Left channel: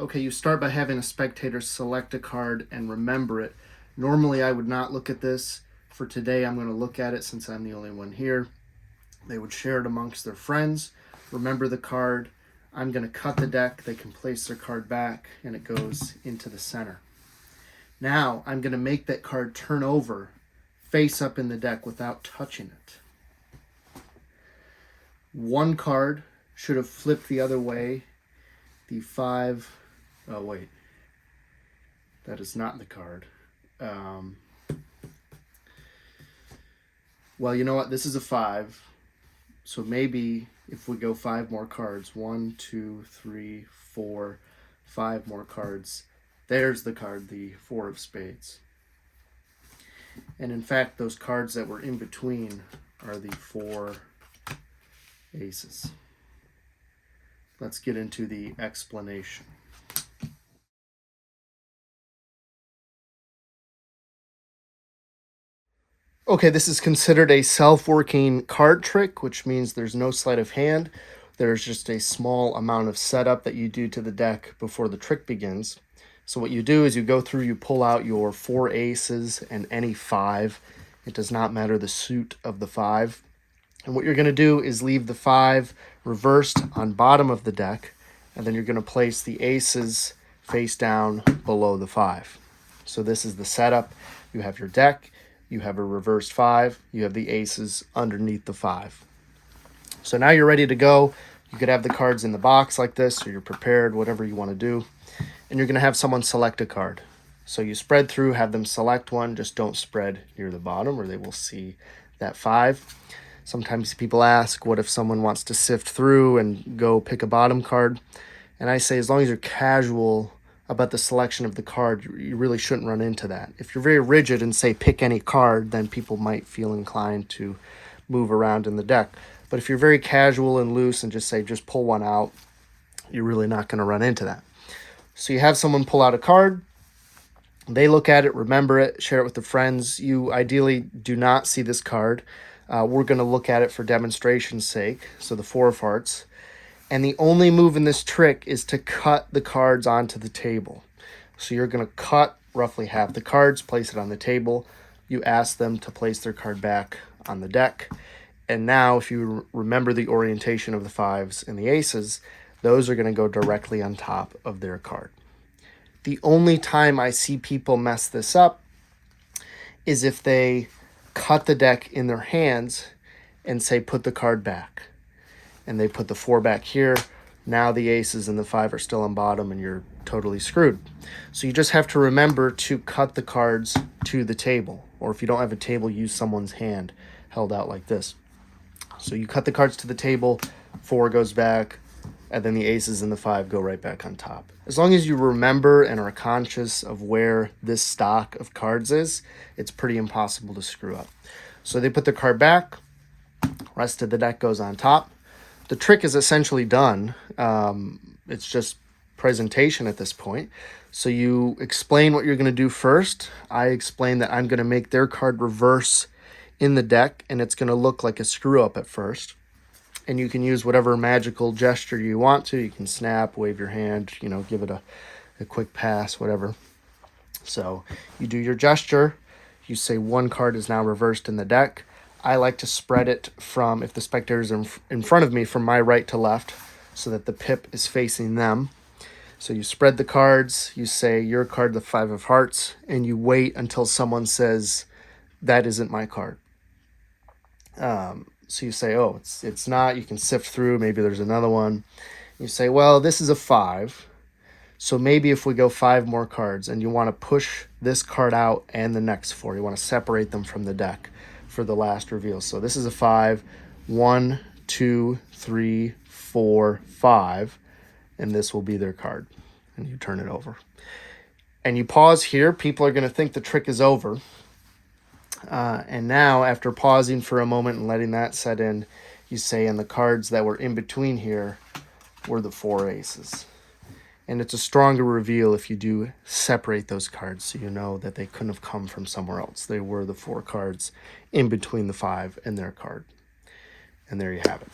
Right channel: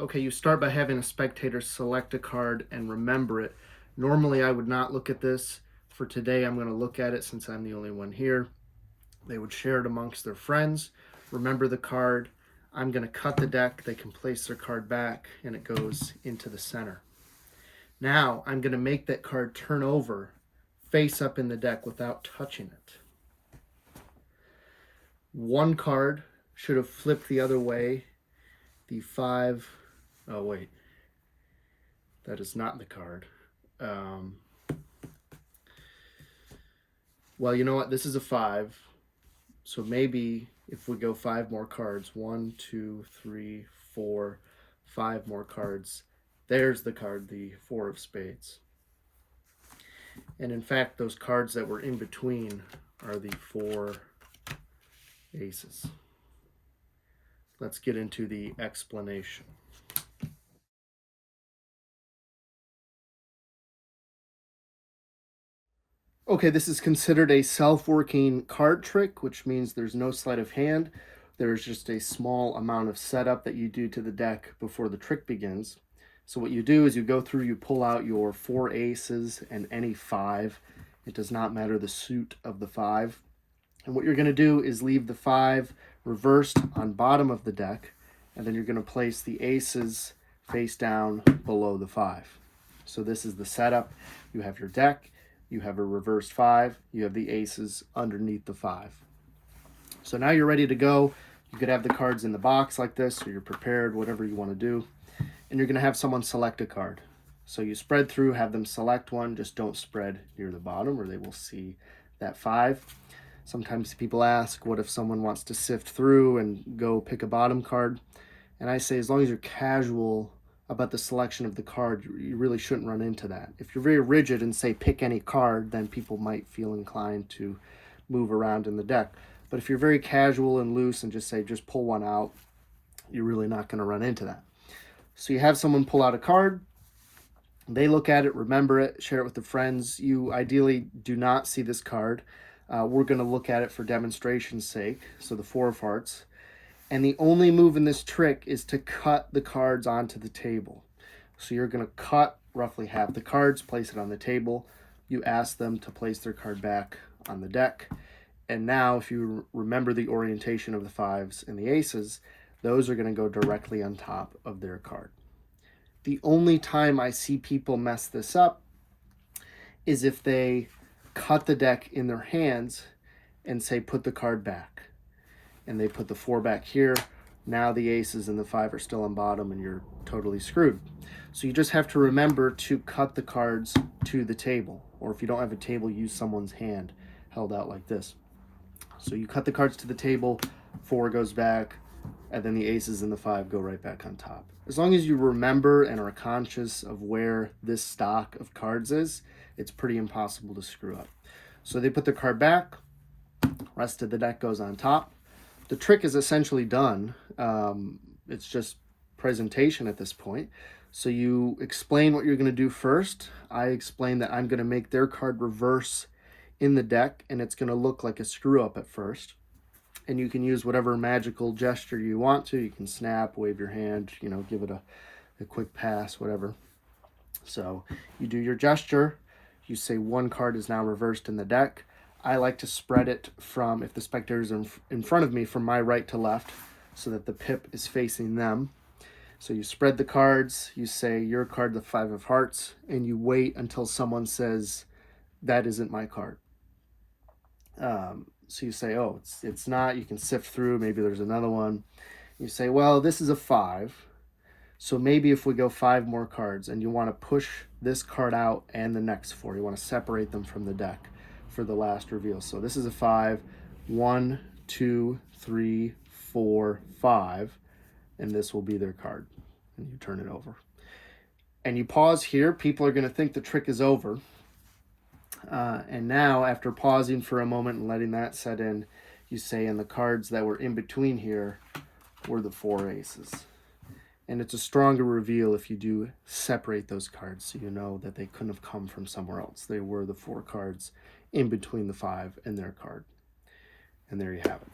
Okay, you start by having a spectator select a card and remember it. Normally, I would not look at this. For today, I'm going to look at it since I'm the only one here. They would share it amongst their friends. Remember the card. I'm going to cut the deck. They can place their card back, and it goes into the center. Now, I'm going to make that card turn over, face up in the deck without touching it. One card should have flipped the other way. The 5. Oh, wait. That is not the card. Well, you know what? This is a 5. So maybe if we go 5 more cards, 1, 2, 3, 4, 5 more cards, there's the card, the 4 of spades. And in fact, those cards that were in between are the 4 aces. Let's get into the explanation. Okay, this is considered a self-working card trick, which means there's no sleight of hand. There's just a small amount of setup that you do to the deck before the trick begins. So what you do is you go through, you pull out your 4 aces and any 5. It does not matter the suit of the 5. And what you're going to do is leave the 5 reversed on bottom of the deck, and then you're going to place the aces face down below the 5. So this is the setup. You have your deck, you have a reversed 5, you have the aces underneath the 5. So now you're ready to go. You could have the cards in the box like this, so you're prepared, whatever you want to do. And you're going to have someone select a card. So you spread through, have them select one, just don't spread near the bottom or they will see that 5. Sometimes people ask, what if someone wants to sift through and go pick a bottom card? And I say, as long as you're casual about the selection of the card, you really shouldn't run into that. If you're very rigid and say pick any card, then people might feel inclined to move around in the deck. But if you're very casual and loose and just say just pull one out, you're really not going to run into that. So you have someone pull out a card, they look at it, remember it, share it with their friends. You ideally do not see this card. We're going to look at it for demonstration's sake, so the 4 of hearts. And the only move in this trick is to cut the cards onto the table. So you're going to cut roughly half the cards, place it on the table. You ask them to place their card back on the deck. And now if you remember the orientation of the 5s and the aces, those are going to go directly on top of their card. The only time I see people mess this up is if they cut the deck in their hands and say put the card back. And they put the 4 back here. Now the aces and the 5 are still on bottom and you're totally screwed. So you just have to remember to cut the cards to the table. Or if you don't have a table, use someone's hand held out like this. So you cut the cards to the table, 4 goes back, and then the aces and the 5 go right back on top. As long as you remember and are conscious of where this stock of cards is, it's pretty impossible to screw up. So they put the card back, rest of the deck goes on top. The trick is essentially done. It's just presentation at this point. So you explain what you're going to do first. I explain that I'm going to make their card reverse in the deck, and it's going to look like a screw up at first. And you can use whatever magical gesture you want to. You can snap, wave your hand, give it a quick pass, whatever. So you do your gesture. You say one card is now reversed in the deck. I like to spread it from, if the spectator is in front of me, from my right to left so that the pip is facing them. So you spread the cards, you say your card, the 5 of hearts, and you wait until someone says, that isn't my card. So you say, oh, it's not. You can sift through. Maybe there's another one. You say, well, this is a 5. So maybe if we go 5 more cards and you want to push this card out and the next 4, you want to separate them from the deck for the last reveal. So this is a 5. 1, 2, 3, 4, 5. And this will be their card. And you turn it over. And you pause here. People are going to think the trick is over. And now, after pausing for a moment and letting that set in, you say, and the cards that were in between here were the 4 aces. And it's a stronger reveal if you do separate those cards so you know that they couldn't have come from somewhere else. They were the 4 cards in between the 5 and their card. And there you have it.